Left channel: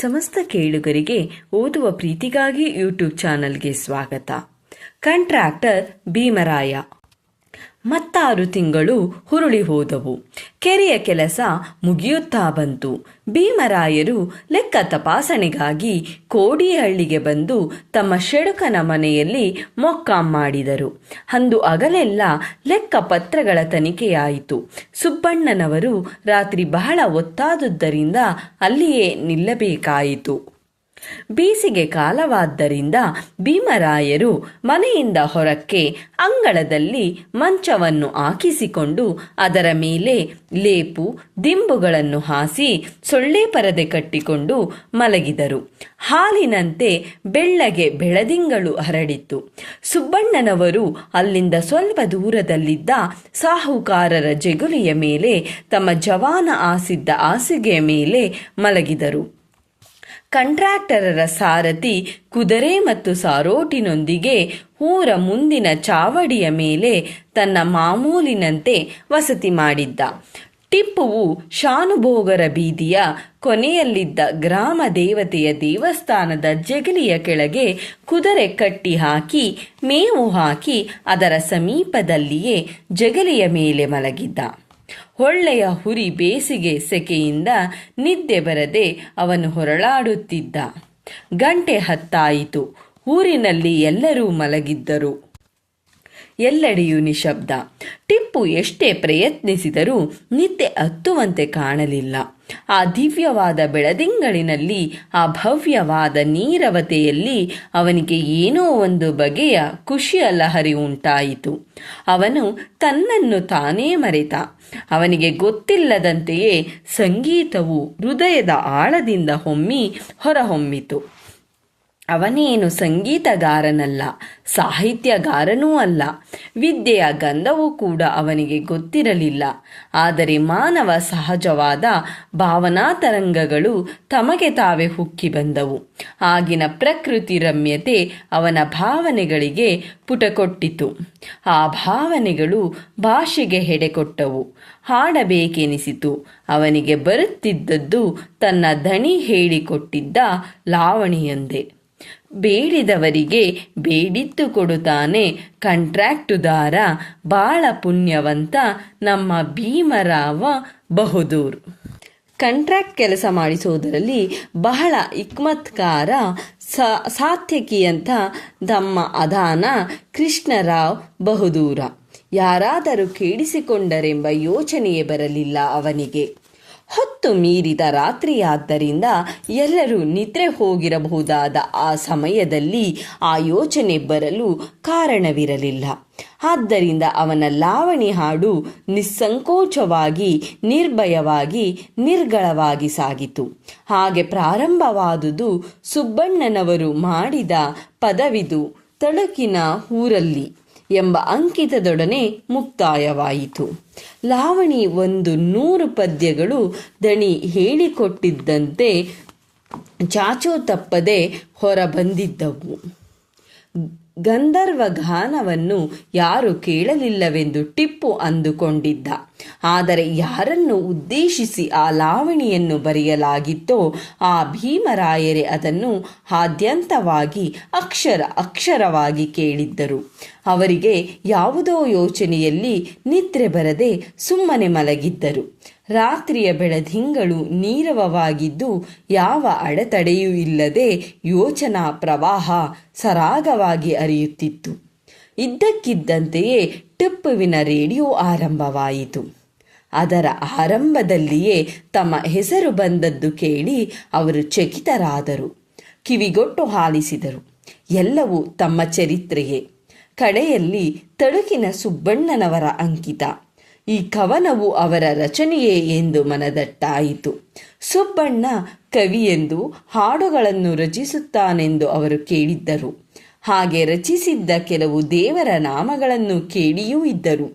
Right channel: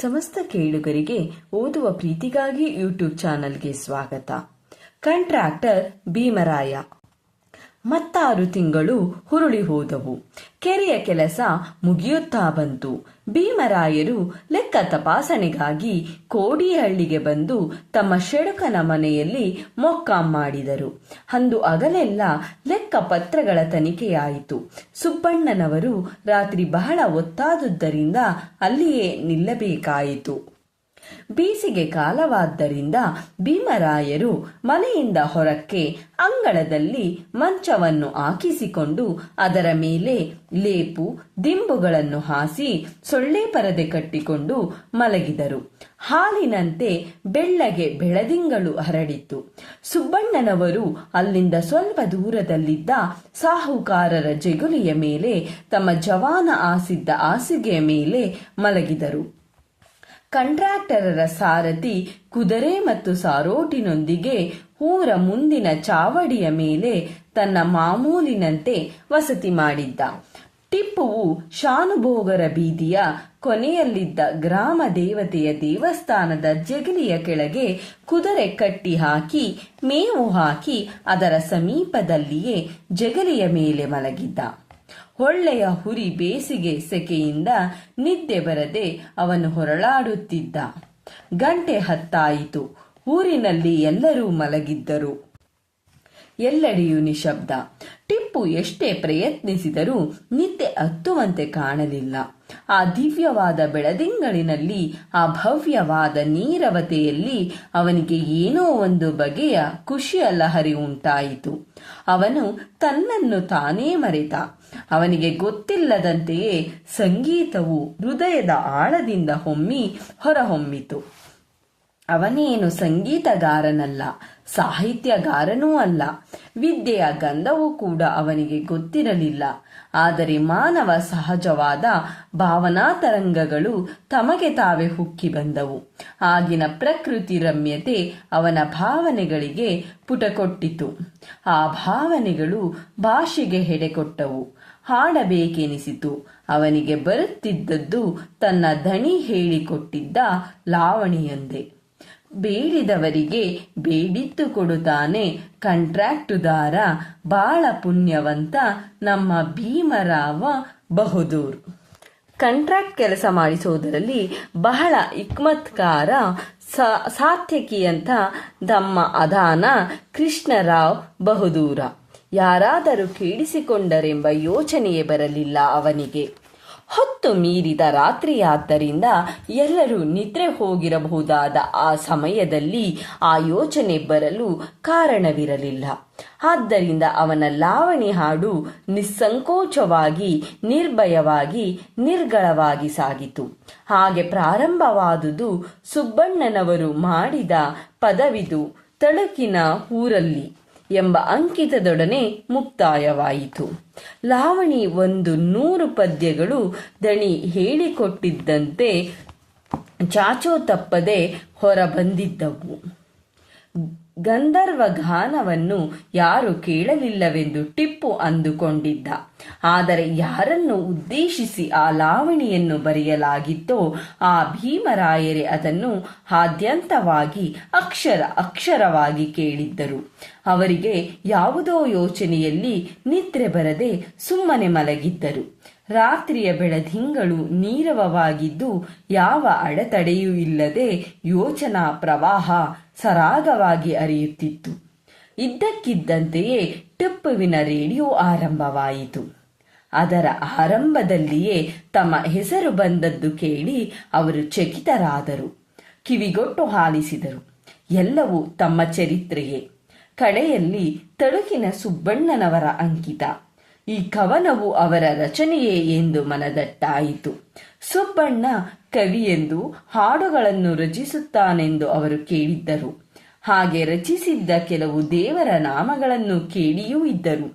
ಸಮಸ್ತ ಕೇಳುಗರಿಗೆ ಓದುವ ಪ್ರೀತಿಗಾಗಿ ಯೂಟ್ಯೂಬ್ ಚಾನಲ್ಗೆ ಸ್ವಾಗತ. ಕಾಂಟ್ರಾಕ್ಟರ್ ಭೀಮರಾಯ. ಮತ್ತಾರು ತಿಂಗಳು ಹುರುಳಿ ಹೋದವು. ಕೆರೆಯ ಕೆಲಸ ಮುಗಿಯುತ್ತಾ ಬಂತು. ಭೀಮರಾಯರು ಲೆಕ್ಕ ತಪಾಸಣೆಗಾಗಿ ಕೋಡಿಹಳ್ಳಿಗೆ ಬಂದು ತಮ್ಮ ಶೆಡುಕನ ಮನೆಯಲ್ಲಿ ಮೊಕ್ಕಾಂ ಮಾಡಿದರು. ಅಂದು ಹಗಲೆಲ್ಲ ಲೆಕ್ಕ ಪತ್ರಗಳ ತನಿಖೆಯಾಯಿತು. ಸುಬ್ಬಣ್ಣನವರು ರಾತ್ರಿ ಬಹಳ ಹೊತ್ತಾದುದರಿಂದ ಅಲ್ಲಿಯೇ ನಿಲ್ಲಬೇಕಾಯಿತು. ಬೇಸಿಗೆ ಕಾಲವಾದ್ದರಿಂದ ಭೀಮರಾಯರು ಮನೆಯಿಂದ ಹೊರಕ್ಕೆ ಅಂಗಳದಲ್ಲಿ ಮಂಚವನ್ನು ಹಾಕಿಸಿಕೊಂಡು ಅದರ ಮೇಲೆ ಲೇಪು ದಿಂಬುಗಳನ್ನು ಹಾಸಿ ಸೊಳ್ಳೆ ಪರದೆ ಕಟ್ಟಿಕೊಂಡು ಮಲಗಿದರು. ಹಾಲಿನಂತೆ ಬೆಳ್ಳಗೆ ಬೆಳದಿಂಗಳು ಹರಡಿತ್ತು. ಸುಬ್ಬಣ್ಣನವರು ಅಲ್ಲಿಂದ ಸ್ವಲ್ಪ ದೂರದಲ್ಲಿದ್ದ ಸಾಹುಕಾರರ ಜಗುಲಿಯ ಮೇಲೆ ತಮ್ಮ ಜವಾನ ಹಾಸಿದ್ದ ಹಾಸಿಗೆಯ ಮೇಲೆ ಮಲಗಿದರು. ಕಂಟ್ರಾಕ್ಟರರ ಸಾರಥಿ ಕುದುರೆ ಮತ್ತು ಸಾರೋಟಿನೊಂದಿಗೆ ಊರ ಮುಂದಿನ ಚಾವಡಿಯ ಮೇಲೆ ತನ್ನ ಮಾಮೂಲಿನಂತೆ ವಸತಿ ಮಾಡಿದ್ದ. ಟಿಪ್ಪುವು ಶಾನುಭೋಗರ ಬೀದಿಯ ಕೊನೆಯಲ್ಲಿದ್ದ ಗ್ರಾಮ ದೇವತೆಯ ದೇವಸ್ಥಾನದ ಜಗಲಿಯ ಕೆಳಗೆ ಕುದುರೆ ಕಟ್ಟಿ ಹಾಕಿ ಮೇವು ಹಾಕಿ ಅದರ ಸಮೀಪದಲ್ಲಿಯೇ ಜಗಲಿಯ ಮೇಲೆ ಮಲಗಿದ್ದ. ಒಳ್ಳೆಯ ಹುರಿ ಬೇಸಿಗೆ ಸೆಕೆಯಿಂದ ನಿದ್ದೆ ಬರದೆ ಅವನು ಹೊರಳಾಡುತ್ತಿದ್ದ. ಗಂಟೆ ಹತ್ತಾಯಿತು. ಊರಿನಲ್ಲಿ ಎಲ್ಲರೂ ಮಲಗಿದ್ದರು. ಎಲ್ಲೆಡೆಯೂ ನಿಶಬ್ದ. ಟಿಪ್ಪು ಎಷ್ಟೇ ಪ್ರಯತ್ನಿಸಿದರೂ ನಿದ್ದೆ ಹತ್ತುವಂತೆ ಕಾಣಲಿಲ್ಲ. ಆ ದಿವ್ಯವಾದ ಬೆಳದಿಂಗಳಿನಲ್ಲಿ, ಆ ಭವ್ಯವಾದ ನೀರವತೆಯಲ್ಲಿ ಅವನಿಗೆ ಏನೋ ಒಂದು ಬಗೆಯ ಖುಷಿಯ ಲಹರಿ ಉಂಟಾಯಿತು. ಅವನು ತನ್ನನ್ನು ತಾನೇ ಮರೆತ. ಅವನಿಗೆ ಗೊತ್ತಿಲ್ಲದಂತೆಯೇ ಸಂಗೀತವು ಹೃದಯದ ಆಳದಿಂದ ಹೊರಹೊಮ್ಮಿತು. ಅವನೇನು ಸಂಗೀತಗಾರನಲ್ಲ, ಸಾಹಿತ್ಯಗಾರನೂ ಅಲ್ಲ, ವಿದ್ಯೆಯ ಗಂಧವೂ ಕೂಡ ಅವನಿಗೆ ಗೊತ್ತಿರಲಿಲ್ಲ. ಆದರೆ ಮಾನವ ಸಹಜವಾದ ಭಾವನಾ ತರಂಗಗಳು ತಮಗೆ ತಾವೇ ಹುಕ್ಕಿ ಬಂದವು. ಆಗಿನ ಪ್ರಕೃತಿ ರಮ್ಯತೆ ಅವನ ಭಾವನೆಗಳಿಗೆ ಪುಟಕೊಟ್ಟಿತು. ಆ ಭಾವನೆಗಳು ಭಾಷೆಗೆ ಹೆಡೆಕೊಟ್ಟವು. ಹಾಡಬೇಕೆನಿಸಿತು. ಅವನಿಗೆ ಬರುತ್ತಿದ್ದದ್ದು ತನ್ನ ದಣಿ ಹೇಳಿಕೊಟ್ಟಿದ್ದ ಲಾವಣಿಯೊಂದೇ. ಬೇಡಿದವರಿಗೆ ಬೇಡಿದ್ದು ಕೊಡುತ್ತಾನೆ ಕಾಂಟ್ರಾಕ್ಟುದಾರ, ಬಾಳ ಪುಣ್ಯವಂತ ನಮ್ಮ ಭೀಮರಾವ ಬಹದ್ದೂರ್. ಕಾಂಟ್ರಾಕ್ಟ್ ಕೆಲಸ ಮಾಡಿಸೋದರಲ್ಲಿ ಬಹಳ ಹಿಕ್ಮತ್ಕಾರ, ಸಾತ್ಯಕಿಯಂತ ತಮ್ಮ ಅದಾನ ಕೃಷ್ಣರಾವ್ ಬಹದ್ದೂರ. ಯಾರಾದರೂ ಕೇಳಿಸಿಕೊಂಡರೆಂಬ ಯೋಚನೆಯೇ ಬರಲಿಲ್ಲ ಅವನಿಗೆ. ಹೊತ್ತು ಮೀರಿದ ರಾತ್ರಿಯಾದ್ದರಿಂದ ಎಲ್ಲರೂ ನಿದ್ರೆ ಹೋಗಿರಬಹುದಾದ ಆ ಸಮಯದಲ್ಲಿ ಆ ಯೋಚನೆ ಬರಲು ಕಾರಣವಿರಲಿಲ್ಲ. ಆದ್ದರಿಂದ ಅವನ ಲಾವಣಿ ಹಾಡು ನಿಸ್ಸಂಕೋಚವಾಗಿ, ನಿರ್ಭಯವಾಗಿ, ನಿರ್ಗಳವಾಗಿ ಸಾಗಿತು. ಹಾಗೆ ಪ್ರಾರಂಭವಾದುದು ಸುಬ್ಬಣ್ಣನವರು ಮಾಡಿದ ಪದವಿದು ತಳುಕಿನ ಊರಲ್ಲಿ ಎಂಬ ಅಂಕಿತದೊಡನೆ ಮುಕ್ತಾಯವಾಯಿತು. ಲಾವಣಿ 100 ಪದ್ಯಗಳು ದಣಿ ಹೇಳಿಕೊಟ್ಟಿದ್ದಂತೆ ಚಾಚೋ ತಪ್ಪದೆ ಹೊರಬಂದಿದ್ದವು. ಗಂಧರ್ವ ಗಾನವನ್ನು ಯಾರು ಕೇಳಲಿಲ್ಲವೆಂದು ಟಿಪ್ಪು ಅಂದುಕೊಂಡಿದ್ದ. ಆದರೆ ಯಾರನ್ನು ಉದ್ದೇಶಿಸಿ ಆ ಲಾವಣಿಯನ್ನು ಬರೆಯಲಾಗಿತ್ತೋ ಆ ಭೀಮರಾಯರೇ ಅದನ್ನು ಆದ್ಯಂತವಾಗಿ ಅಕ್ಷರವಾಗಿ ಕೇಳಿದ್ದರು. ಅವರಿಗೆ ಯಾವುದೋ ಯೋಚನೆಯಲ್ಲಿ ನಿದ್ರೆ ಬರದೆ ಸುಮ್ಮನೆ ಮಲಗಿದ್ದರು. ರಾತ್ರಿಯ ಬೆಳದಿಂಗಳು ನೀರವವಾಗಿದ್ದು ಯಾವ ಅಡೆತಡೆಯೂ ಇಲ್ಲದೆ ಯೋಚನಾ ಪ್ರವಾಹ ಸರಾಗವಾಗಿ ಹರಿಯುತ್ತಿತ್ತು. ಇದ್ದಕ್ಕಿದ್ದಂತೆಯೇ ಟಿಪ್ಪುವಿನ ರೇಡಿಯೋ ಆರಂಭವಾಯಿತು. ಅದರ ಆರಂಭದಲ್ಲಿಯೇ ತಮ್ಮ ಹೆಸರು ಬಂದದ್ದು ಕೇಳಿ ಅವರು ಚಕಿತರಾದರು. ಕಿವಿಗೊಟ್ಟು ಆಲಿಸಿದರು. ಎಲ್ಲವೂ ತಮ್ಮ ಚರಿತ್ರೆಯೇ. ಕಡೆಯಲ್ಲಿ ತಳುಕಿನ ಸುಬ್ಬಣ್ಣನವರ ಅಂಕಿತ. ಈ ಕವನವು ಅವರ ರಚನೆಯೇ ಎಂದು ಮನದಟ್ಟಾಯಿತು. ಸುಬ್ಬಣ್ಣ ಕವಿಯೆಂದು ಹಾಡುಗಳನ್ನು ರಚಿಸುತ್ತಾನೆಂದು ಅವರು ಕೇಳಿದ್ದರು. ಹಾಗೆ ರಚಿಸಿದ್ದ ಕೆಲವು ದೇವರ ನಾಮಗಳನ್ನು ಕೇಳಿಯೂ ಇದ್ದರು.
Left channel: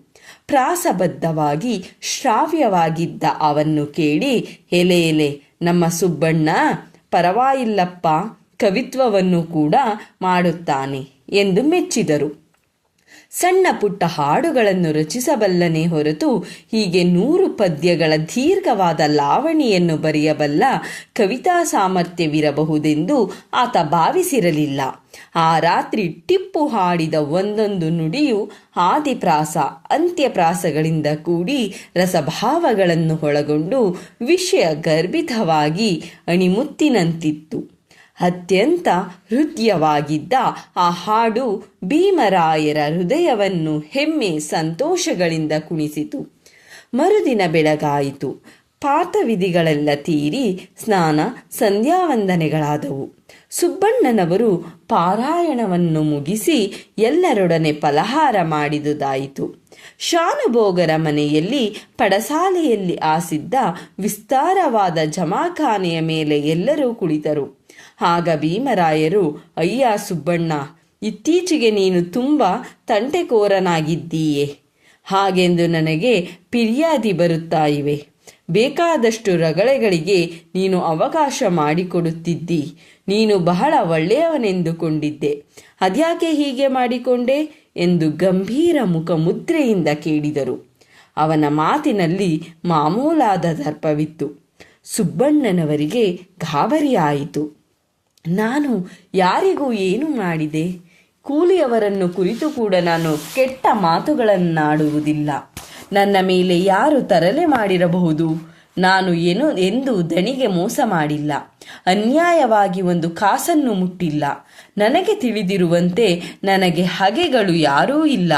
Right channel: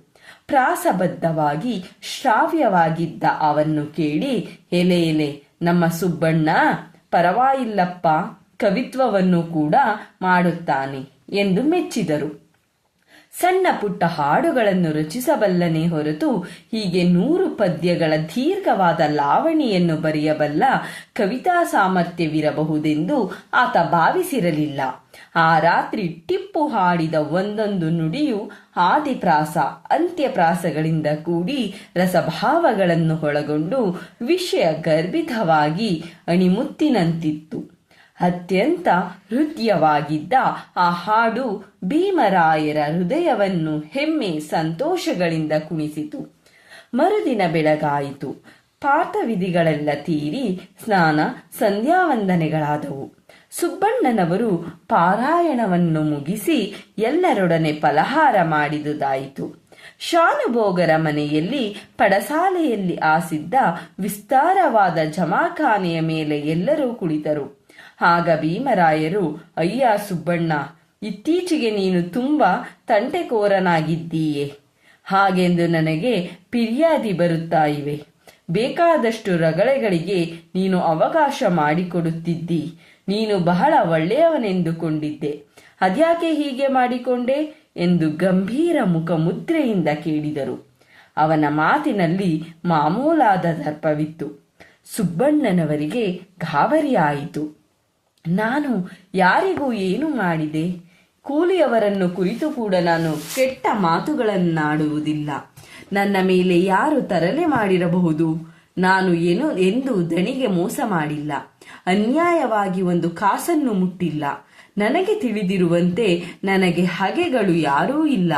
ಪ್ರಾಸಬದ್ಧವಾಗಿ ಶ್ರಾವ್ಯವಾಗಿದ್ದ ಅವನ್ನು ಕೇಳಿ ಎಲೆ ನಮ್ಮ ಸುಬ್ಬಣ್ಣ ಪರವಾಗಿಲ್ಲಪ್ಪ, ಕವಿತ್ವವನ್ನು ಕೂಡ ಮಾಡುತ್ತಾನೆ ಎಂದು ಮೆಚ್ಚಿದರು. ಸಣ್ಣ ಪುಟ್ಟ ಹಾಡುಗಳನ್ನು ರಚಿಸಬಲ್ಲನೇ ಹೊರತು ಹೀಗೆ 100 ಪದ್ಯಗಳ ದೀರ್ಘವಾದ ಲಾವಣಿಯನ್ನು ಬರೆಯಬಲ್ಲ ಕವಿತಾ ಸಾಮರ್ಥ್ಯವಿರಬಹುದೆಂದು ಆತ ಭಾವಿಸಿರಲಿಲ್ಲ. ಆ ರಾತ್ರಿ ಟಿಪ್ಪು ಹಾಡಿದ ಒಂದೊಂದು ನುಡಿಯು ಆದಿಪ್ರಾಸ ಅಂತ್ಯಪ್ರಾಸಗಳಿಂದ ಕೂಡಿ ರಸಭಾವಗಳನ್ನು ಒಳಗೊಂಡು ವಿಷಯ ಗರ್ಭಿತವಾಗಿ ಅಣಿಮುತ್ತಿನಂತಿತ್ತು. ಅತ್ಯಂತ ಹೃದಯವಾಗಿದ್ದ ಆ ಹಾಡು ಭೀಮರಾಯರ ಹೃದಯವನ್ನು ಹೆಮ್ಮೆ ಸಂತೋಷಗಳಿಂದ ಕುಣಿಸಿತು. ಮರುದಿನ ಬೆಳಗಾಯಿತು. ಪಾಠವಿಧಿಗಳೆಲ್ಲ ತೀರಿ ಸ್ನಾನ ಸಂಧ್ಯಾವಂದನೆಗಳಾದವು. ಸುಬ್ಬಣ್ಣನವರು ಪಾರಾಯಣವನ್ನು ಮುಗಿಸಿ ಎಲ್ಲರೊಡನೆ ಫಲಹಾರ ಮಾಡಿದುದಾಯಿತು. ಶಾನುಭೋಗರ ಮನೆಯಲ್ಲಿ ಪಡಸಾಲೆಯಲ್ಲಿ ಆಸಿದ್ದ ವಿಸ್ತಾರವಾದ ಜಮಾಖಾನೆಯ ಮೇಲೆ ಎಲ್ಲರೂ ಕುಳಿತರು. ಆಗ ಭೀಮರಾಯರು, ಅಯ್ಯ ಸುಬ್ಬಣ್ಣ, ಇತ್ತೀಚೆಗೆ ನೀನು ತುಂಬ ತಂಟೆಕೋರನಾಗಿದ್ದೀಯೆ. ಹಾಗೆಂದು ನನಗೆ ಫಿರ್ಯಾದಿ ಬರುತ್ತಾ ಇವೆ. ಬೇಕಾದಷ್ಟು ರಗಳೆಗಳಿಗೆ ನೀನು ಅವಕಾಶ ಮಾಡಿಕೊಡುತ್ತಿದ್ದಿ. ನೀನು ಬಹಳ ಒಳ್ಳೆಯವನೆಂದುಕೊಂಡಿದ್ದೆ. ಅದ್ಯಾಕೆ ಹೀಗೆ ಮಾಡಿಕೊಂಡೆ ಎಂದು ಗಂಭೀರ ಮುಖಮುದ್ರೆಯಿಂದ ಕೇಳಿದರು. ಅವನ ಮಾತಿನಲ್ಲಿ ಮಾಮೂಲಾದ ದರ್ಪವಿತ್ತು. ಸುಬ್ಬಣ್ಣನವರಿಗೆ ಗಾಬರಿಯಾಯಿತು. ನಾನು ಯಾರಿಗೂ ಏನು ಮಾಡಿದೆ? ಕೂಲಿಯವರನ್ನು ಕುರಿತು ಕೂಡ ನಾನು ಕೆಟ್ಟ ಮಾತುಗಳನ್ನಾಡುವುದಿಲ್ಲ. ನನ್ನ ಮೇಲೆ ಯಾರು ತರಲೆ ಮಾಡಿರಬಹುದು? ನಾನು ಎಂದು ದಣಿಗೆ ಮೋಸ ಮಾಡಿಲ್ಲ. ಅನ್ಯಾಯವಾಗಿ ಒಂದು ಕಾಸನ್ನು ಮುಟ್ಟಿಲ್ಲ. ನನಗೆ ತಿಳಿದಿರುವಂತೆ ನನಗೆ ಹಗೆಗಳು ಯಾರೂ ಇಲ್ಲ.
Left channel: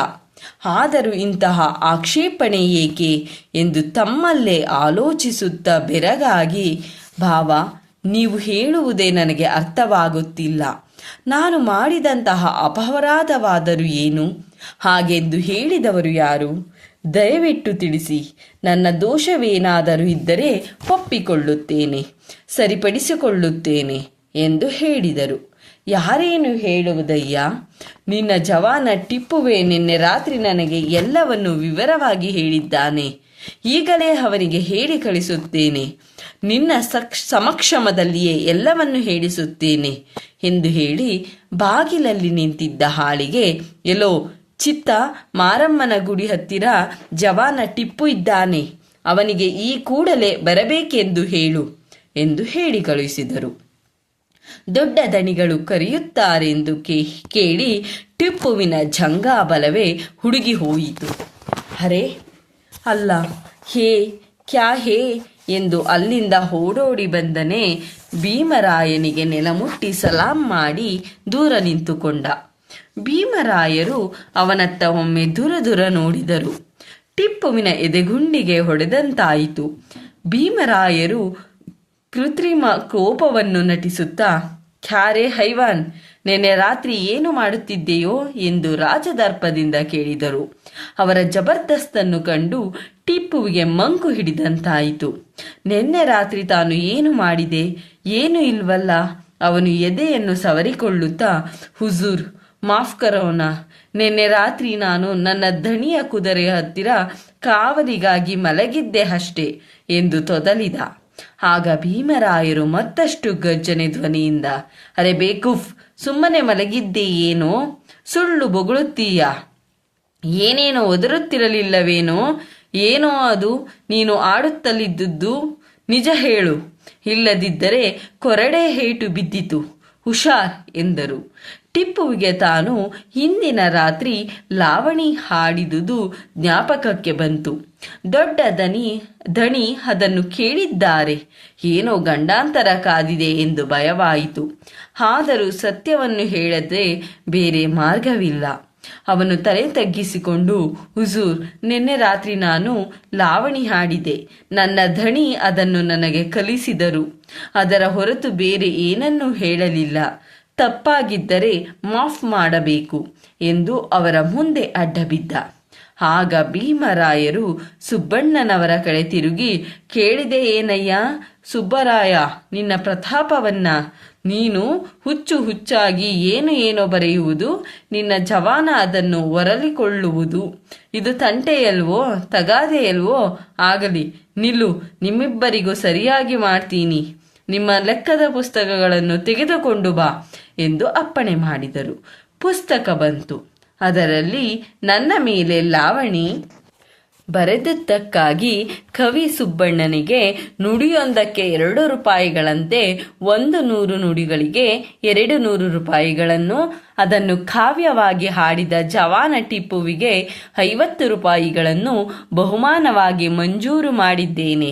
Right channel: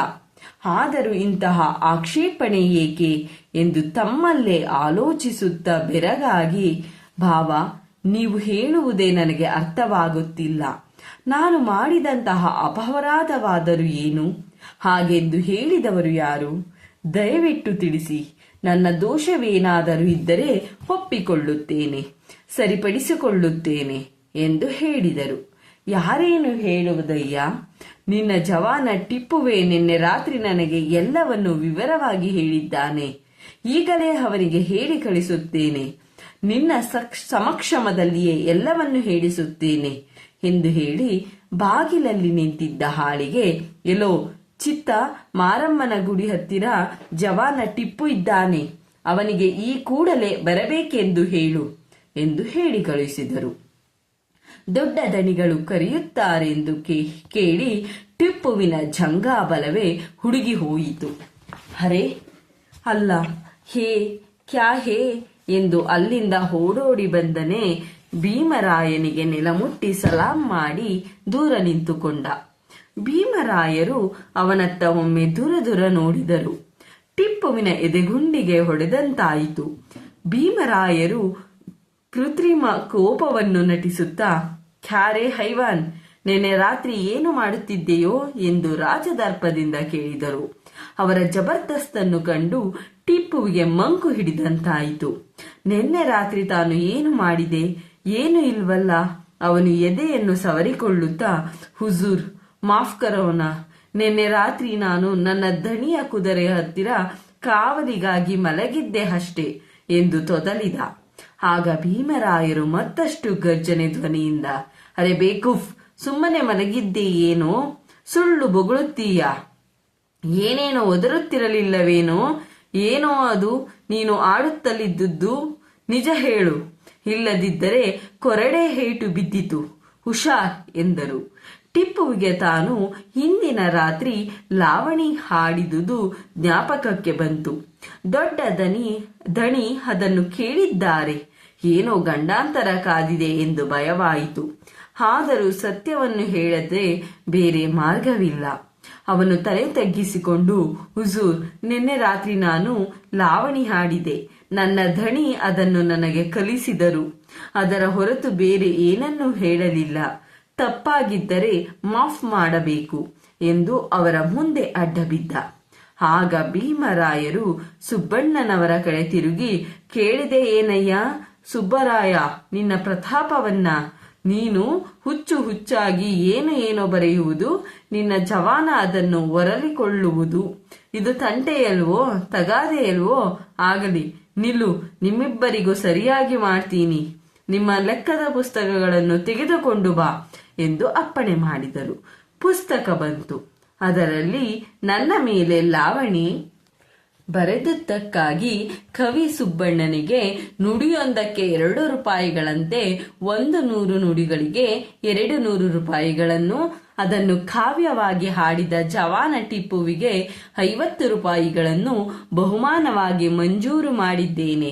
ಆದರೂ ಇಂತಹ ಆಕ್ಷೇಪಣೆ ಏಕೆ ಎಂದು ತಮ್ಮಲ್ಲೇ ಆಲೋಚಿಸುತ್ತಾ ಬೆರಗಾಗಿ, ಭಾವ, ನೀವು ಹೇಳುವುದೇ ನನಗೆ ಅರ್ಥವಾಗುತ್ತಿಲ್ಲ. ನಾನು ಮಾಡಿದಂತಹ ಅಪರಾಧವಾದರೂ ಏನು? ಹಾಗೆಂದು ಹೇಳಿದವರು ಯಾರು? ದಯವಿಟ್ಟು ತಿಳಿಸಿ. ನನ್ನ ದೋಷವೇನಾದರೂ ಇದ್ದರೆ ಒಪ್ಪಿಕೊಳ್ಳುತ್ತೇನೆ, ಸರಿಪಡಿಸಿಕೊಳ್ಳುತ್ತೇನೆ ಎಂದು ಹೇಳಿದರು. ಯಾರೇನು ಹೇಳುವುದಯ್ಯ? ನಿನ್ನ ಜವಾನ ಟಿಪ್ಪುವೆ ನಿನ್ನೆ ರಾತ್ರಿ ನನಗೆ ಎಲ್ಲವನ್ನು ವಿವರವಾಗಿ ಹೇಳಿದ್ದಾನೆ. ಈಗಲೇ ಅವನಿಗೆ ಹೇಳಿ ಕಳಿಸುತ್ತೇನೆ. ನಿನ್ನ ಸಮಕ್ಷಮದಲ್ಲಿಯೇ ಎಲ್ಲವನ್ನು ಹೇಳಿಸುತ್ತೇನೆ ಎಂದು ಹೇಳಿ ಬಾಗಿಲಲ್ಲಿ ನಿಂತಿದ್ದ ಹಾಳಿಗೆ, ಎಲ್ಲೋ ಚಿತ್ತ, ಮಾರಮ್ಮನ ಗುಡಿ ಹತ್ತಿರ ಜವಾನ ಟಿಪ್ಪು ಇದ್ದಾನೆ, ಅವನಿಗೆ ಈ ಕೂಡಲೇ ಬರಬೇಕೆಂದು ಹೇಳು ಎಂದು ಹೇಳಿ ಕಳುಹಿಸಿದರು. ದೊಡ್ಡ ದಣಿಗಳು ಕರೆಯುತ್ತಾರೆಂದು ಕೇಳಿ ಟಿಪ್ಪುವಿನ ಜಂಗಾಬಲವೇ ಹುಡುಗಿ ಹೋಯಿತು. ಅರೆ ಅಲ್ಲ, ಹೇ ಕ್ಯಾ ಹೇ ಎಂದು ಅಲ್ಲಿಂದ ಓಡೋಡಿ ಬಂದನೇ ಭೀಮರಾಯನಿಗೆ ನೆಲಮುಟ್ಟಿ ಸಲಾಂ ಮಾಡಿ ದೂರ ನಿಂತುಕೊಂಡ. ಭೀಮರಾಯರು ಅವನತ್ತ ಒಮ್ಮೆ ದುರ ನೋಡಿದರು. ಟಿಪ್ಪುವಿನ ಎದೆಗುಂಡಿಗೆ ಹೊಡೆದಂತಾಯಿತು. ಭೀಮರಾಯರು ಕೃತ್ರಿಮ ಕೋಪವನ್ನು ನಟಿಸುತ್ತಾ, ಕ್ಯಾರೆ ಹೈವಾನ್, ನೆನ್ನೆ ರಾತ್ರಿ ಏನು ಮಾಡುತ್ತಿದ್ದೆಯೋ ಎಂದು ರಾಜದರ್ಪದಿಂದ ಕೇಳಿದರು. ಅವರ ಜಬರ್ದಸ್ತನ್ನು ಕಂಡು ಟಿಪ್ಪುವಿಗೆ ಮಂಕು ಹಿಡಿದಂತಾಯಿತು. ನಿನ್ನೆ ರಾತ್ರಿ ತಾನು ಏನು ಮಾಡಿದೆ? ಏನು ಇಲ್ವಲ್ಲ. ಅವನು ಎದೆಯನ್ನು ಸವರಿಕೊಳ್ಳುತ್ತಾ, ಹುಜೂರ್, ಮಾಫ್ ಕರೋಣ, ನಿನ್ನೆ ರಾತ್ರಿ ನಾನು ನನ್ನ ದಣಿಯ ಕುದುರೆಯ ಹತ್ತಿರ ಕಾವಲಿಗಾಗಿ ಮಲಗಿದ್ದೆ ಅಷ್ಟೇ ಎಂದು ತೊದಲಿದ. ಆಗ ಭೀಮರಾಯರು ಮತ್ತಷ್ಟು ಗರ್ಜನೆ ಧ್ವನಿಯಿಂದ, ಅರೆ ಬೇಕೂಫ್, ಸುಮ್ಮನೆ ಮಲಗಿದ್ದೀಯೇನೋ? ಸುಳ್ಳು ಬೊಗಳುತ್ತೀಯ? ಏನೇನೋ ಒದರುತ್ತಿರಲಿಲ್ಲವೇನೋ? ಏನೋ ಅದು ನೀನು ಆಡುತ್ತಲಿದ್ದುದು? ನಿಜ ಹೇಳು, ಇಲ್ಲದಿದ್ದರೆ ಕೊರಡೆ ಹೇಟು ಬಿದ್ದಿತು, ಹುಷಾರ್ ಎಂದರು. ಟಿಪ್ಪುವಿಗೆ ತಾನು ಹಿಂದಿನ ರಾತ್ರಿ ಲಾವಣಿ ಹಾಡಿದುದು ಜ್ಞಾಪಕಕ್ಕೆ ಬಂತು. ದೊಡ್ಡ ದಣಿ ಅದನ್ನು ಕೇಳಿದ್ದಾರೆ. ಏನೋ ಗಂಡಾಂತರ ಕಾದಿದೆ ಎಂದು ಭಯವಾಯಿತು. ಆದರೂ ಸತ್ಯವನ್ನು ಹೇಳದೆ ಬೇರೆ ಮಾರ್ಗವಿಲ್ಲ. ಅವನು ತಲೆ ತಗ್ಗಿಸಿಕೊಂಡು, ಹುಜೂರ್, ನಿನ್ನೆ ರಾತ್ರಿ ನಾನು ಲಾವಣಿ ಹಾಡಿದೆ. ನನ್ನ ದಣಿ ಅದನ್ನು ನನಗೆ ಕಲಿಸಿದರು. ಅದರ ಹೊರತು ಬೇರೆ ಏನನ್ನೂ ಹೇಳಲಿಲ್ಲ. ತಪ್ಪಾಗಿದ್ದರೆ ಮಾಫ್ ಮಾಡಬೇಕು ಎಂದು ಅವರ ಮುಂದೆ ಅಡ್ಡಬಿದ್ದ. ಆಗ ಭೀಮರಾಯರು ಸುಬ್ಬಣ್ಣನವರ ಕಡೆ ತಿರುಗಿ, ಕೇಳಿದೆ ಏನಯ್ಯ ಸುಬ್ಬರಾಯ ನಿನ್ನ ಪ್ರತಾಪವನ್ನ? ನೀನು ಹುಚ್ಚಾಗಿ ಏನೋ ಬರೆಯುವುದು, ನಿನ್ನ ಜವಾನ ಅದನ್ನು ಒರಲಿಕೊಳ್ಳುವುದು. ಇದು ತಂಟೆಯಲ್ವೋ ತಗಾದೆಯಲ್ವೋ? ಆಗಲಿ, ನಿಲ್ಲು, ನಿಮ್ಮಿಬ್ಬರಿಗೂ ಸರಿಯಾಗಿ ಮಾಡ್ತೀನಿ. ನಿಮ್ಮ ಲೆಕ್ಕದ ಪುಸ್ತಕಗಳನ್ನು ತೆಗೆದುಕೊಂಡು ಬಾ ಎಂದು ಅಪ್ಪಣೆ ಮಾಡಿದರು. ಪುಸ್ತಕ ಬಂತು. ಅದರಲ್ಲಿ ನನ್ನ ಮೇಲೆ ಲಾವಣಿ ಬರೆದಿದ್ದಕ್ಕಾಗಿ ಕವಿ ಸುಬ್ಬಣ್ಣನಿಗೆ ನುಡಿಯೊಂದಕ್ಕೆ 2 ರೂಪಾಯಿಗಳಂತೆ 100 ನುಡಿಗಳಿಗೆ 200 ರೂಪಾಯಿಗಳನ್ನು, ಅದನ್ನು ಕಾವ್ಯವಾಗಿ ಹಾಡಿದ ಜವಾನ ಟಿಪ್ಪುವಿಗೆ 50 ರೂಪಾಯಿಗಳನ್ನು ಬಹುಮಾನವಾಗಿ ಮಂಜೂರು ಮಾಡಿದ್ದೇನೆ.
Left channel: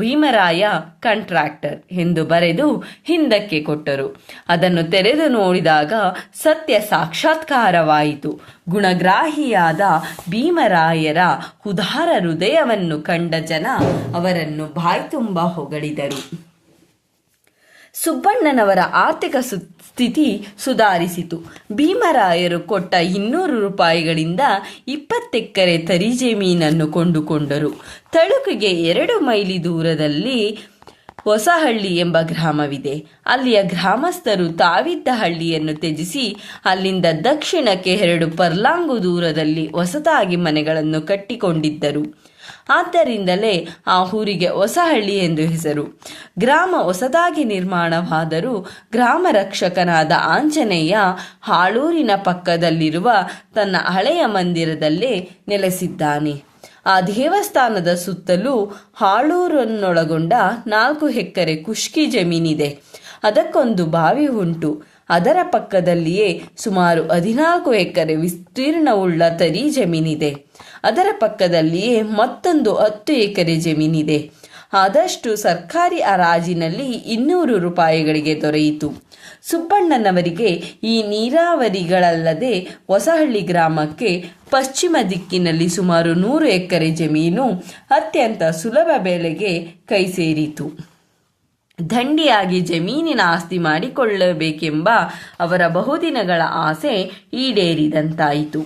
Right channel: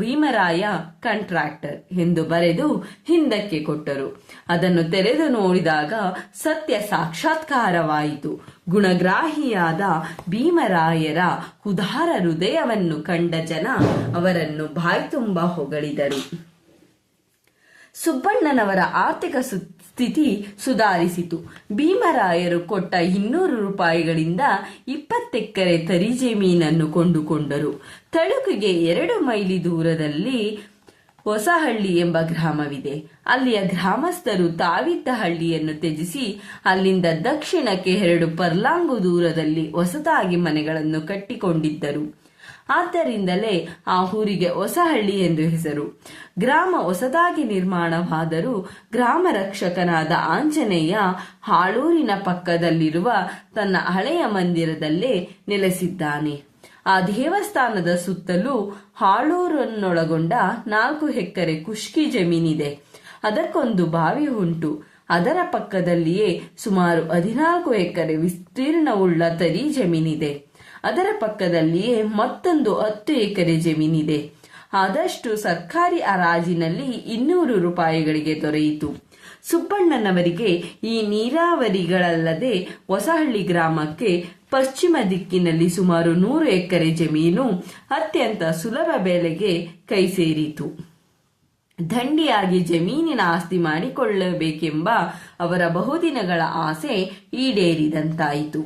ಭೀಮರಾಯ ಕಾಂಟ್ರಾಕ್ಟರ್ ಎಂದು ಬರೆದು ಹಿಂದಕ್ಕೆ ಕೊಟ್ಟರು. ಅದನ್ನು ತೆರೆದು ನೋಡಿದಾಗ ಸತ್ಯ ಸಾಕ್ಷಾತ್ಕಾರವಾಯಿತು. ಗುಣಗ್ರಾಹಿಯಾದ ಭೀಮರಾಯರ ಉದಾರ ಹೃದಯವನ್ನು ಕಂಡ ಜನ ಅವರನ್ನು ಬಾಯ್ತುಂಬ ಹೊಗಳಿದರು. ಸುಬ್ಬಣ್ಣನವರ ಆರ್ಥಿಕ ಸ್ಥಿತಿ ಸುಧಾರಿಸಿತು. ಭೀಮರಾಯರು ಕೊಟ್ಟ 200 ರೂಪಾಯಿಗಳಿಂದ 20 ಎಕರೆ ತರಿ ಜಮೀನನ್ನು ಕೊಂಡುಕೊಂಡರು. ತಳುಕಿಗೆ 2 ಮೈಲಿ ದೂರದಲ್ಲಿ ಹೊಸಹಳ್ಳಿ ಎಂಬ ಗ್ರಾಮವಿದೆ. ಅಲ್ಲಿಯ ಗ್ರಾಮಸ್ಥರು ತಾವಿದ್ದ ಹಳ್ಳಿಯನ್ನು ತ್ಯಜಿಸಿ ಅಲ್ಲಿಂದ ದಕ್ಷಿಣಕ್ಕೆ 2 ಪರ್ಲಾಂಗು ದೂರದಲ್ಲಿ ಹೊಸದಾಗಿ ಮನೆಗಳನ್ನು ಕಟ್ಟಿಕೊಂಡಿದ್ದರು. ಆದ್ದರಿಂದಲೇ ಆ ಊರಿಗೆ ಹೊಸಹಳ್ಳಿ ಎಂದು ಹೆಸರು. ಗ್ರಾಮ ಹೊಸದಾಗಿ ನಿರ್ಮಾಣವಾದರೂ ಗ್ರಾಮ ರಕ್ಷಕನಾದ ಆಂಜನೇಯ ಹಾಳೂರಿನ ಪಕ್ಕದಲ್ಲಿರುವ ತನ್ನ ಹಳೆಯ ಮಂದಿರದಲ್ಲೇ ನೆಲೆಸಿದ್ದಾನೆ. ಆ ದೇವಸ್ಥಾನದ ಸುತ್ತಲೂ ಹಾಳೂರನ್ನೊಳಗೊಂಡ 4 ಎಕರೆ ಖುಷ್ಕಿ ಜಮೀನಿದೆ. ಅದಕ್ಕೊಂದು ಬಾವಿ ಉಂಟು. ಅದರ ಪಕ್ಕದಲ್ಲಿಯೇ ಸುಮಾರು 14 ಎಕರೆ ವಿಸ್ತೀರ್ಣವುಳ್ಳ ತರಿ ಜಮೀನಿದೆ. ಅದರ ಪಕ್ಕದಲ್ಲಿಯೇ ಮತ್ತೊಂದು 10 ಎಕರೆ ಜಮೀನಿದೆ. ಆದಷ್ಟು ಸರ್ಕಾರಿ ಹರಾಜಿನಲ್ಲಿ 200 ರೂಪಾಯಿಗಳಿಗೆ ದೊರೆಯಿತು. ಸುಬ್ಬಣ್ಣನವರಿಗೆ ಈ ನೀರಾವರಿಗಳಲ್ಲದೆ ಹೊಸಹಳ್ಳಿ ಗ್ರಾಮಕ್ಕೆ ಪಶ್ಚಿಮ ದಿಕ್ಕಿನಲ್ಲಿ ಸುಮಾರು 100 ಎಕರೆ ಜಮೀನು ಅತ್ಯಂತ ಸುಲಭ ಬೆಲೆಗೆ ಕೈ ಸೇರಿತು. ದಂಡಿಯಾಗಿ ಜಮೀನಿನ ಆಸ್ತಿ ಮಾಡಿಕೊಳ್ಳಬೇಕೆಂಬ ಅವರ ಬಹುದಿನಗಳ ಆಸೆ ಈಡೇರಿದಂತಾಯಿತು.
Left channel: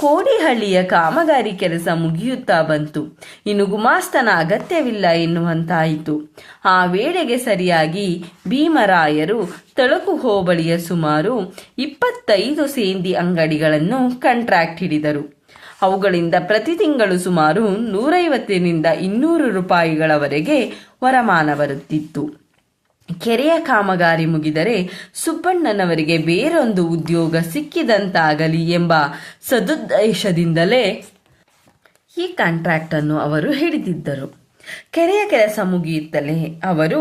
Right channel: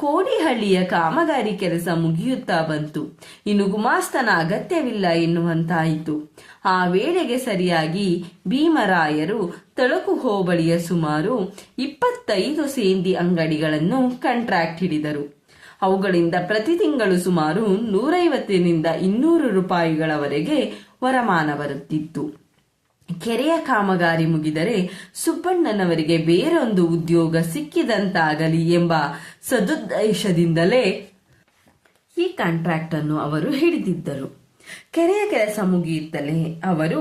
ಕೋಡಿಹಳ್ಳಿಯ ಕಾಮಗಾರಿ ಕೆಲಸ ಮುಗಿಯುತ್ತಾ ಬಂತು. ಇನ್ನು ಗುಮಾಸ್ತನ ಅಗತ್ಯವಿಲ್ಲ ಎನ್ನುವಂತಾಯಿತು. ಆ ವೇಳೆಗೆ ಸರಿಯಾಗಿ ಭೀಮರಾಯರು ತಳುಕು ಹೋಬಳಿಯ ಸುಮಾರು 25 ಸೇಂದಿ ಅಂಗಡಿಗಳನ್ನು ಕಾಂಟ್ರಾಕ್ಟ್ ಹಿಡಿದರು. ಅವುಗಳಿಂದ ಪ್ರತಿ ತಿಂಗಳು ಸುಮಾರು 150ರಿಂದ 200 ರೂಪಾಯಿಗಳವರೆಗೆ ವರಮಾನ ಬರುತ್ತಿತ್ತು. ಕೆರೆಯ ಕಾಮಗಾರಿ ಮುಗಿದರೆ ಸುಬ್ಬಣ್ಣನವರಿಗೆ ಬೇರೊಂದು ಉದ್ಯೋಗ ಸಿಕ್ಕಿದಂತಾಗಲಿ ಎಂಬ ಸದುದ್ದೇಶದಿಂದಲೇ ಈ ಕಾಂಟ್ರಾಕ್ಟ್ ಅನ್ನು ಅವರು ಹಿಡಿದಿದ್ದರು. ಕೆರೆಯ ಕೆಲಸ ಮುಗಿಯುತ್ತಲೇ ಅವರು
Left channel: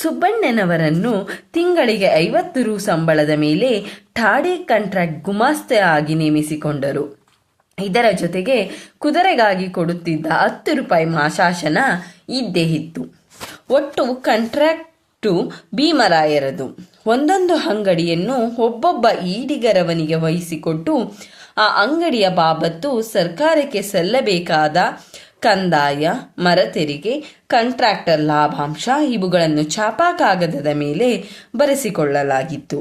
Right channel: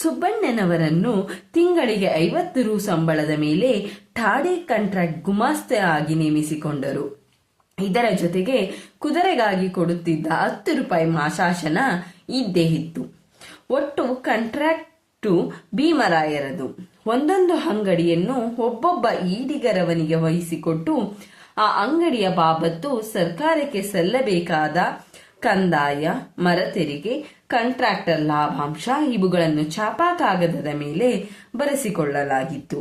ಸುಬ್ಬಣ್ಣನವರನ್ನು ತಿಂಗಳಿಗೆ 50 ರು ಸಂಬಳದ ಮೇಲೆ ಠಾಣೆ ಕಾಂಟ್ರಾಕ್ಟ್ ಗುಮಾಸ್ತೆ ಆಗಿ ನೇಮಿಸಿಕೊಂಡರು. ಇದರ ಜೊತೆಗೆ ಕುದುರೆಗಾಗಿ ಕೊಡುತ್ತಿದ್ದ 10 ರೂಪಾಯಿ ಮಾಶಾಸನ ಇದ್ದೇ ಇತ್ತು. ಒಟ್ಟು ಕಾಂಟ್ರಾಕ್ಟ್ ಭೀಮರಾಯರದು. ಒಂದೊಂದು ಅಂಗಡಿಯನ್ನು ಒಬ್ಬೊಬ್ಬ ಈಡಿಗರವನಿಗೆ ವಹಿಸಿಕೊಟ್ಟು ಆ ಅಂಗಡಿಯ ಬಾಬತ್ತು ಸರ್ಕಾರಕ್ಕೆ ಸಲ್ಲಬೇಕಾದ ಕಂದಾಯ, ಮರ ತೆರಿಗೆ, ಕಾಂಟ್ರಾಕ್ಟರ್ ಲಾಭಾಂಶ ಇವುಗಳನ್ನು ಛಾಪಾ ಕಾಗದದ ಮೇಲೆ ಬರೆಸಿಕೊಳ್ಳಲಾಗಿತ್ತು.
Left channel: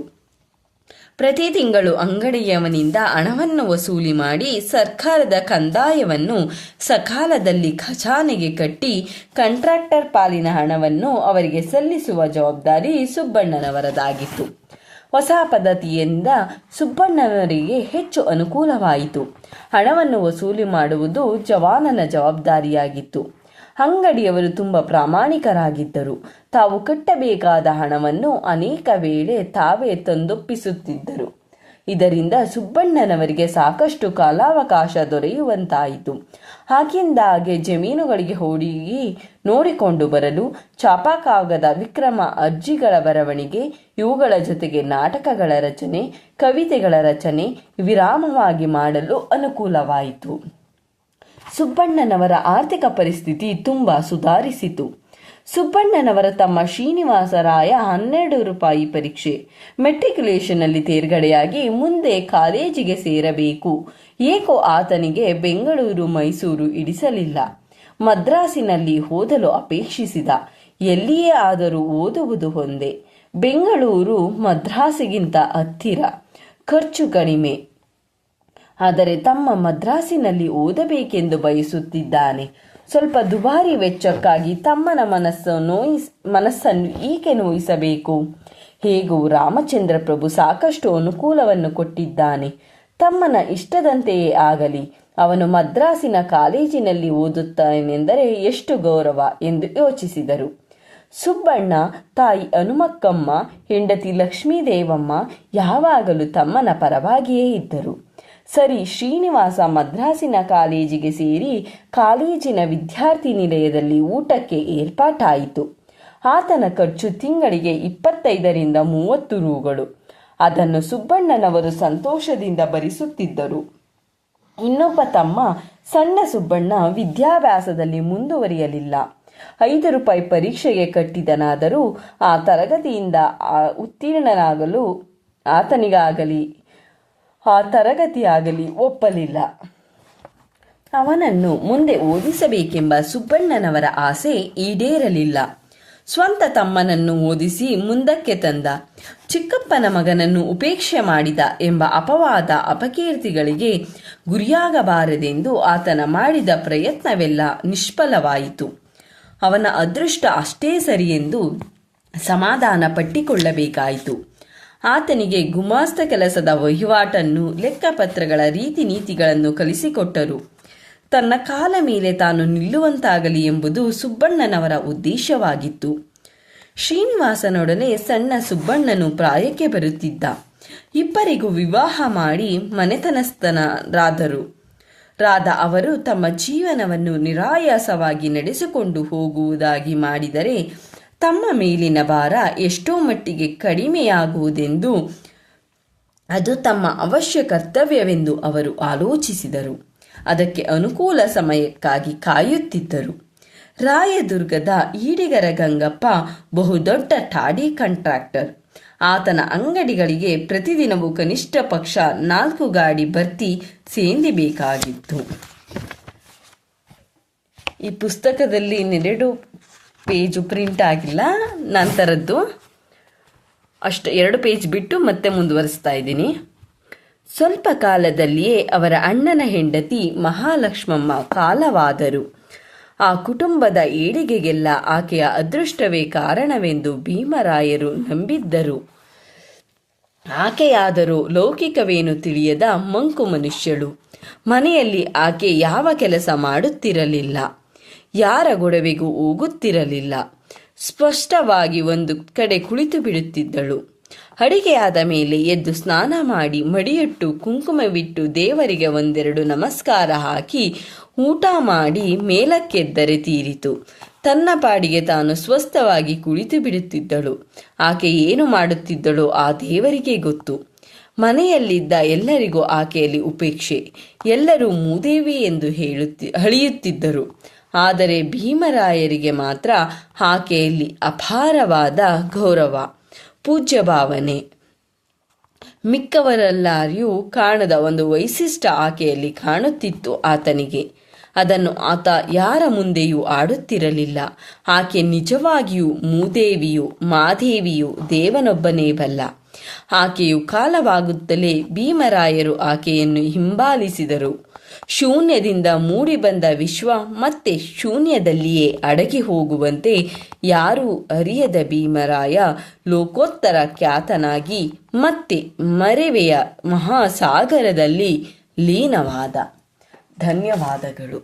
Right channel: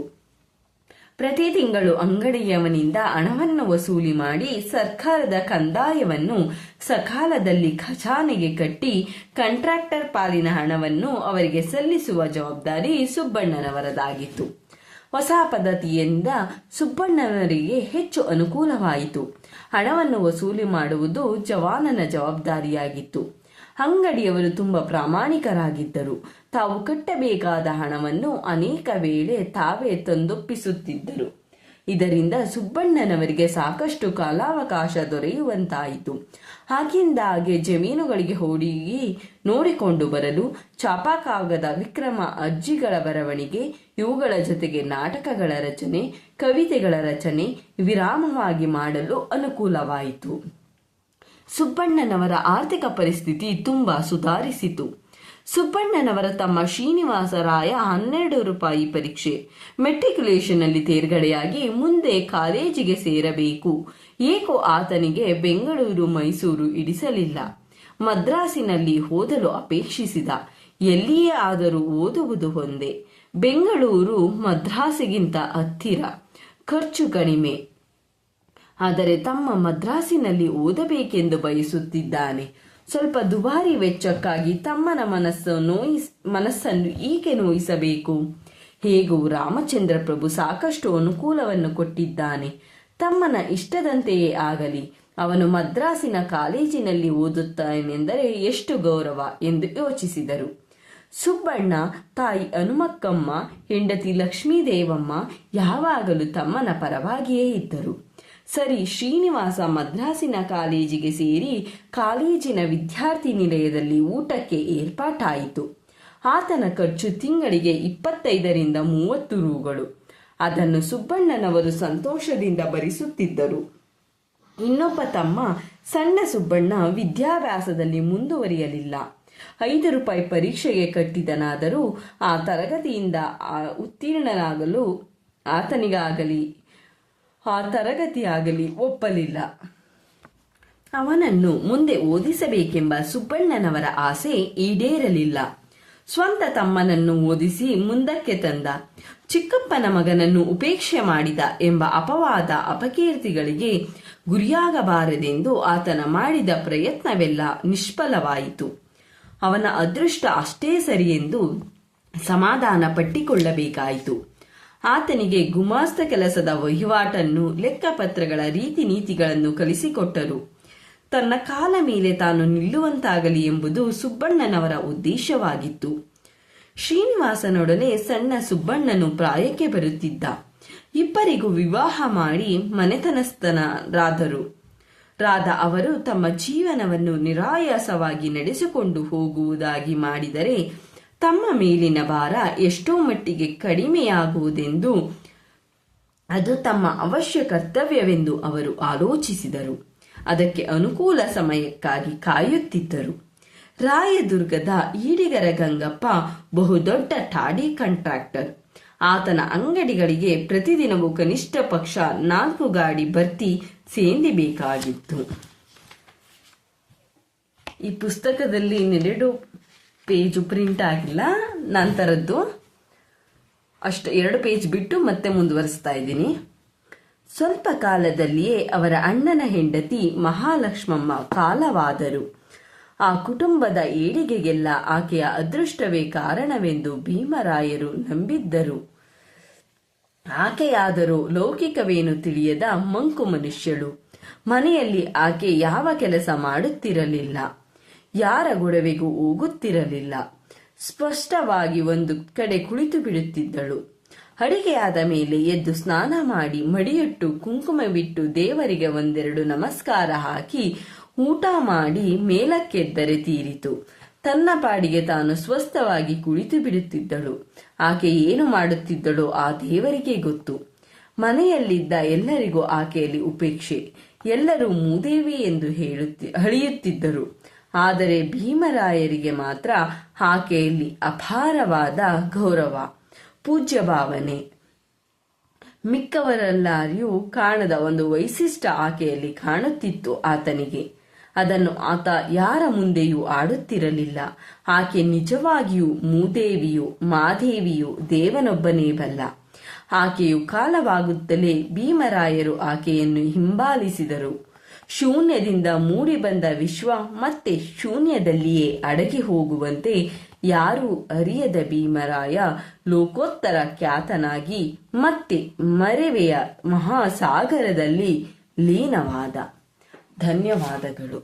ಪ್ರತಿ ತಿಂಗಳು ಅಂಗಡಿಯವನಿಂದ ಹಣವನ್ನು ವಸೂಲಿ ಮಾಡಿ ಸರ್ಕಾರದ ಕಂದಾಯವನ್ನು ಸಕಾಲದಲ್ಲಿ ಖಜಾನೆಗೆ ಕಟ್ಟಿ ಕಾಂಟ್ರಾಕ್ಟರ್ ಪಾಲಿನ ಹಣವನ್ನು ಅವರಿಗೆ ಸಲ್ಲಿಸುವ ಜವಾಬ್ದಾರಿ ಸುಬ್ಬಣ್ಣನವರದಾಗಿತ್ತು. ಹೊಸ ಪದ್ಧತಿಯಿಂದ ಸುಬ್ಬಣ್ಣನವರಿಗೆ ಹೆಚ್ಚು ಅನುಕೂಲವಾಯಿತು. ಹಣವನ್ನು ವಸೂಲಿ ಮಾಡುವುದು ಜವಾನನ ಜವಾಬ್ದಾರಿಯಾಗಿತ್ತು. ಅಂಗಡಿಯವರು ತುಂಬ ಪ್ರಾಮಾಣಿಕರಾಗಿದ್ದರು. ತಾವು ಕಟ್ಟಬೇಕಾದ ಹಣವನ್ನು ಅನೇಕ ವೇಳೆ ತಾವೇ ತಂದೊಪ್ಪಿಸುತ್ತಿದ್ದರು. ಇದರಿಂದ ಸುಬ್ಬಣ್ಣನವರಿಗೆ ಸಾಕಷ್ಟು ಕಾಲಾವಕಾಶ ದೊರೆಯುವಂತಾಯಿತು. ಹಾಗಿಂದಾಗೆ ಜಮೀನುಗಳಿಗೆ ಹೋಗಿ ನೋಡಿಕೊಂಡು ಬರಲು, ಛಾಪಾಕಾಗದ ವಿಕ್ರಮ ಅರ್ಜಿಗಳ ಬರವಣಿಗೆ, ಇವುಗಳ ಜೊತೆಗೆ ನಾಟಕಗಳ ರಚನೆ, ಕವಿತೆಗಳ ರಚನೆ ವಿರಾಮವಾಗಿ ಮಾಡಲು ಅನುಕೂಲವಾಯಿತು. ಸುಬ್ಬಣ್ಣನವರ ಆರ್ಥಿಕ ಪರಿಸ್ಥಿತಿ ತುಂಬ ಸುಧಾರಿಸಿತು. ಸುಬ್ಬಣ್ಣನವರ ತಮ್ಮ ಶ್ರೀನಿವಾಸರಾಯ 12 ರೂಪಾಯಿ ಪರೀಕ್ಷೆ ಮೆಟ್ರಿಕ್ಯುಲೇಷನ್ನಲ್ಲಿ ತೇರ್ಗಡೆಯಾಗಿ ಮುಂದೆ ಕಾಲೇಜಿಗೆ ಸೇರಬೇಕು. ಏಕೋ ಆತನಿಗೆ ಬೆಂಗಳೂರು, ಮೈಸೂರು ಇಡಿಸಲಿಲ್ಲ. ಮದ್ರಾಸಿನಲ್ಲಿ ಓದಲು ಅಪೇಕ್ಷಿಸಿದ. ಎಲ್ಲಿಯೇ ಆದರೂ ಓದುವುದು ಒಂದೇ. ಬೆಂಗಳೂರು ಮದ್ರಾಸಿಗಿಂತ ಹತ್ತಿರ, ಖರ್ಚು ಕಡಿಮೆ. ಆದರೆ ತಮ್ಮ ಮದ್ರಾಸಿನಲ್ಲಿ ಓದಬೇಕೆಂದು ಬಯಸುತ್ತಿದ್ದಾನೆ. ಸ್ವಲ್ಪ ದುಬಾರಿ ವೆಚ್ಚಕ್ಕಾಗಿ ತಮ್ಮನ ಮನಸ್ಸನ್ನು ಈಕೆ ನೋಯಿಸಬೇಕು? ಹೇಗೂ ರಾಮಚಂದ್ರ ಪ್ರಭು ಸಾಕಷ್ಟು ಅನುಕೂಲವನ್ನು ಕೊಟ್ಟಿದ್ದಾನೆ. ತಮ್ಮನ ಇಷ್ಟದಂತೆಯೇ ಆಗಲಿ. ಅವನು ಮದ್ರಾಸಿನ ಕಾಲೇಜಿನಲ್ಲಿ ಓದುತ್ತಾನೆಂದರೆ ಎಷ್ಟು ಗೌರವ ಎಂದು ಯೋಚಿಸಿದರು. ಸುಬ್ಬಣ್ಣ, ತಾಯಿ ಹನುಮಕ್ಕಮ್ಮ, ಹೆಂಡತಿ ಲಕ್ಷ್ಮೀದೇವಮ್ಮ ಯಾವಾಗಲೂ ತಮ್ಮನ ಪರವಾಗಿಯೇ ಇದ್ದರು. ಸರಿ, ಶ್ರೀನಿವಾಸ ಮದ್ರಾಸಿನ ಕಾಲೇಜಿಗೆ ಸೇರಿ ಕಾಲೇಜಿನ ವಿದ್ಯಾರ್ಥಿ ನಿಲಯದಲ್ಲಿ ಊಟಕ್ಕೆ ಏರ್ಪಾಟಾಯಿತು. ಆತನ ಖರ್ಚು ತಿಂಗಳಿಗೆ 25ರಿಂದ 30 ರೂಗಳು. ಅದನ್ನು ಸುಬ್ಬಣ್ಣನವರು ಸಂತೋಷದಿಂದ ಭರಿಸುತ್ತಿದ್ದರು. ಇನ್ನೊಬ್ಬ ತಮ್ಮ ಸಣ್ಣ ಸುಬ್ಬಣ್ಣ ವಿದ್ಯಾಭ್ಯಾಸದಲ್ಲಿ ಮುಂದುವರಿಯಲಿಲ್ಲ. 5 ರೂಪಾಯಿ ಪರೀಕ್ಷೆಗೆ ಕಟ್ಟಿದನಾದರೂ ಆ ತರಗತಿಯಿಂದ ಉತ್ತೀರ್ಣನಾಗಲು ಆ ತರಗತಿಯಾಗಲಿ ಒಪ್ಪಲಿಲ್ಲ. ಅವನನ್ನು ಮುಂದೆ ಓದಿಸಬೇಕೆಂಬ ಸುಬ್ಬಣ್ಣನವರ ಆಸೆ ಈಡೇರಲಿಲ್ಲ. ಸ್ವಂತ ತಮ್ಮನನ್ನು ಓದಿಸಿ ಮುಂದಕ್ಕೆ ತಂದ. ಚಿಕ್ಕಪ್ಪನ ಮಗನನ್ನು ಉಪೇಕ್ಷೆ ಮಾಡಿದ ಎಂಬ ಅಪವಾದ ಅಪಕೀರ್ತಿಗಳಿಗೆ ಗುರಿಯಾಗಬಾರದೆಂದು ಆತನ ಮಾಡಿದ ಪ್ರಯತ್ನವೆಲ್ಲ ನಿಷ್ಫಲವಾಯಿತು. ಅವನ ಅದೃಷ್ಟ ಅಷ್ಟೇ ಸರಿಯೆಂದು ಸಮಾಧಾನ ಪಟ್ಟಿಕೊಳ್ಳಬೇಕಾಯಿತು. ಆತನಿಗೆ ಗುಮಾಸ್ತ ಕೆಲಸದ ವಹಿವಾಟನ್ನು, ಲೆಕ್ಕಪತ್ರಗಳ ರೀತಿ ನೀತಿಗಳನ್ನು ಕಲಿಸಿಕೊಟ್ಟರು. ತನ್ನ ಕಾಲ ಮೇಲೆ ತಾನು ನಿಲ್ಲುವಂತಾಗಲಿ ಎಂಬುದು ಸುಬ್ಬಣ್ಣನವರ ಉದ್ದೇಶವಾಗಿತ್ತು. ಶ್ರೀನಿವಾಸನೊಡನೆ ಸಣ್ಣ ಸುಬ್ಬಣ್ಣನು ಪ್ರಾಯಕ್ಕೆ ಬರುತ್ತಿದ್ದ. ಇಬ್ಬರಿಗೂ ವಿವಾಹ ಮಾಡಿ ಮನೆತನಸ್ಥರಾದ ಅವರು ತಮ್ಮ ಜೀವನವನ್ನು ನಿರಾಯಾಸವಾಗಿ ನಡೆಸಿಕೊಂಡು ಹೋಗುವುದಾಗಿ ಮಾಡಿದರೆ ತಮ್ಮ ಮೇಲಿನ ಭಾರ ಎಷ್ಟೋ ಮಟ್ಟಿಗೆ ಕಡಿಮೆಯಾಗುವುದೆಂದು, ಅದು ತಮ್ಮ ಅವಶ್ಯ ಕರ್ತವ್ಯವೆಂದು ಅವರು ಆಲೋಚಿಸಿದರು. ಅದಕ್ಕೆ ಅನುಕೂಲ ಸಮಯಕ್ಕಾಗಿ ಕಾಯುತ್ತಿದ್ದರು. ರಾಯದುರ್ಗದ ಈಡಿಗರ ಗಂಗಪ್ಪ ಬಹುದೊಡ್ಡ ಟಾಡಿ ಕಾಂಟ್ರಾಕ್ಟರ್. ಆತನ ಅಂಗಡಿಗಳಿಗೆ ಪ್ರತಿದಿನವೂ ಕನಿಷ್ಠ ಪಕ್ಷ 4 ಗಾಡಿ ಭರ್ತಿ ಸೇಂದಿಬೇಕಾಗಿತ್ತು. ಈ ಪುಸ್ತಕದಲ್ಲಿ 2 ಪೇಜು ಪ್ರಿಂಟ್ ಆಗಿಲ್ಲ, ನಂತರದ್ದು ಅಷ್ಟು 2 ಪೇಜ್ ಬಿಟ್ಟು ಮತ್ತೆ ಮುಂದುವರಿಸ್ತಾ ಇದ್ದೀನಿ. ಸ್ವಲ್ಪ ಕಾಲದಲ್ಲಿಯೇ ಅವರ ಅಣ್ಣನ ಹೆಂಡತಿ ಮಹಾಲಕ್ಷ್ಮಮ್ಮ ಕಾಲವಾದರು. ಆ ಕುಟುಂಬದ ಏಳಿಗೆಗೆಲ್ಲ ಆಕೆಯ ಅದೃಷ್ಟವೇ ಕಾರಣವೆಂದು ಭೀಮರಾಯರು ನಂಬಿದ್ದರು. ಆಕೆಯಾದರೂ ಲೌಕಿಕವೇನು ತಿಳಿಯದ ಮಂಕು ಮನುಷ್ಯಳು. ಮನೆಯಲ್ಲಿ ಆಕೆ ಯಾವ ಕೆಲಸ ಮಾಡುತ್ತಿರಲಿಲ್ಲ, ಯಾರ ಗೊಡವೆಗೂ ಹೋಗುತ್ತಿರಲಿಲ್ಲ. ಸ್ಪಷ್ಟವಾಗಿ ಒಂದು ಕಡೆ ಕುಳಿತು ಬಿಡುತ್ತಿದ್ದಳು. ಅಡಿಗೆಯಾದ ಮೇಲೆ ಎದ್ದು ಸ್ನಾನ ಮಾಡಿ ಮಡಿಯಟ್ಟು ಕುಂಕುಮವಿಟ್ಟು ದೇವರಿಗೆ 1-2 ನಮಸ್ಕಾರ ಹಾಕಿ ಊಟ ಮಾಡಿ ಮೇಲಕ್ಕೆದ್ದರೆ ತೀರಿತು. ತನ್ನ ಪಾಡಿಗೆ ತಾನು ಸ್ವಸ್ಥವಾಗಿ ಕುಳಿತು ಬಿಡುತ್ತಿದ್ದಳು. ಆಕೆ ಏನು ಮಾಡುತ್ತಿದ್ದಳೋ ಆ ದೇವರಿಗೆ ಗೊತ್ತು. ಮನೆಯಲ್ಲಿದ್ದ ಎಲ್ಲರಿಗೂ ಆಕೆಯಲ್ಲಿ ಉಪೇಕ್ಷೆ. ಎಲ್ಲರೂ ಮೂದೇವಿ ಎಂದು ಹಳಿಯುತ್ತಿದ್ದರು. ಆದರೆ ಭೀಮರಾಯರಿಗೆ ಮಾತ್ರ ಆಕೆಯಲ್ಲಿ ಅಪಾರವಾದ ಗೌರವ, ಪೂಜ್ಯ ಭಾವನೆ. ಮಿಕ್ಕವರೆಲ್ಲರಿಗೂ ಕಾಣದ ಒಂದು ವೈಶಿಷ್ಟ್ಯ ಆಕೆಯಲ್ಲಿ ಕಾಣುತ್ತಿತ್ತು ಆತನಿಗೆ. ಅದನ್ನು ಆತ ಯಾರ ಮುಂದೆಯೂ ಆಡುತ್ತಿರಲಿಲ್ಲ. ಆಕೆ ನಿಜವಾಗಿಯೂ ಮೂದೇವಿಯು, ಮಾದೇವಿಯು, ದೇವನೊಬ್ಬನೇ ಬಲ್ಲ. ಆಕೆಯು ಕಾಲವಾಗುತ್ತಲೇ ಭೀಮರಾಯರು ಆಕೆಯನ್ನು ಹಿಂಬಾಲಿಸಿದರು. ಶೂನ್ಯದಿಂದ ಮೂಡಿಬಂದ ವಿಶ್ವ ಮತ್ತೆ ಶೂನ್ಯದಲ್ಲಿಯೇ ಅಡಗಿ ಹೋಗುವಂತೆ ಯಾರೂ ಅರಿಯದ ಭೀಮರಾಯ ಲೋಕೋತ್ತರ ಖ್ಯಾತನಾಗಿ ಮತ್ತೆ ಮರೆವೆಯ ಮಹಾಸಾಗರದಲ್ಲಿ ಲೀನವಾದ. ಧನ್ಯವಾದಗಳು.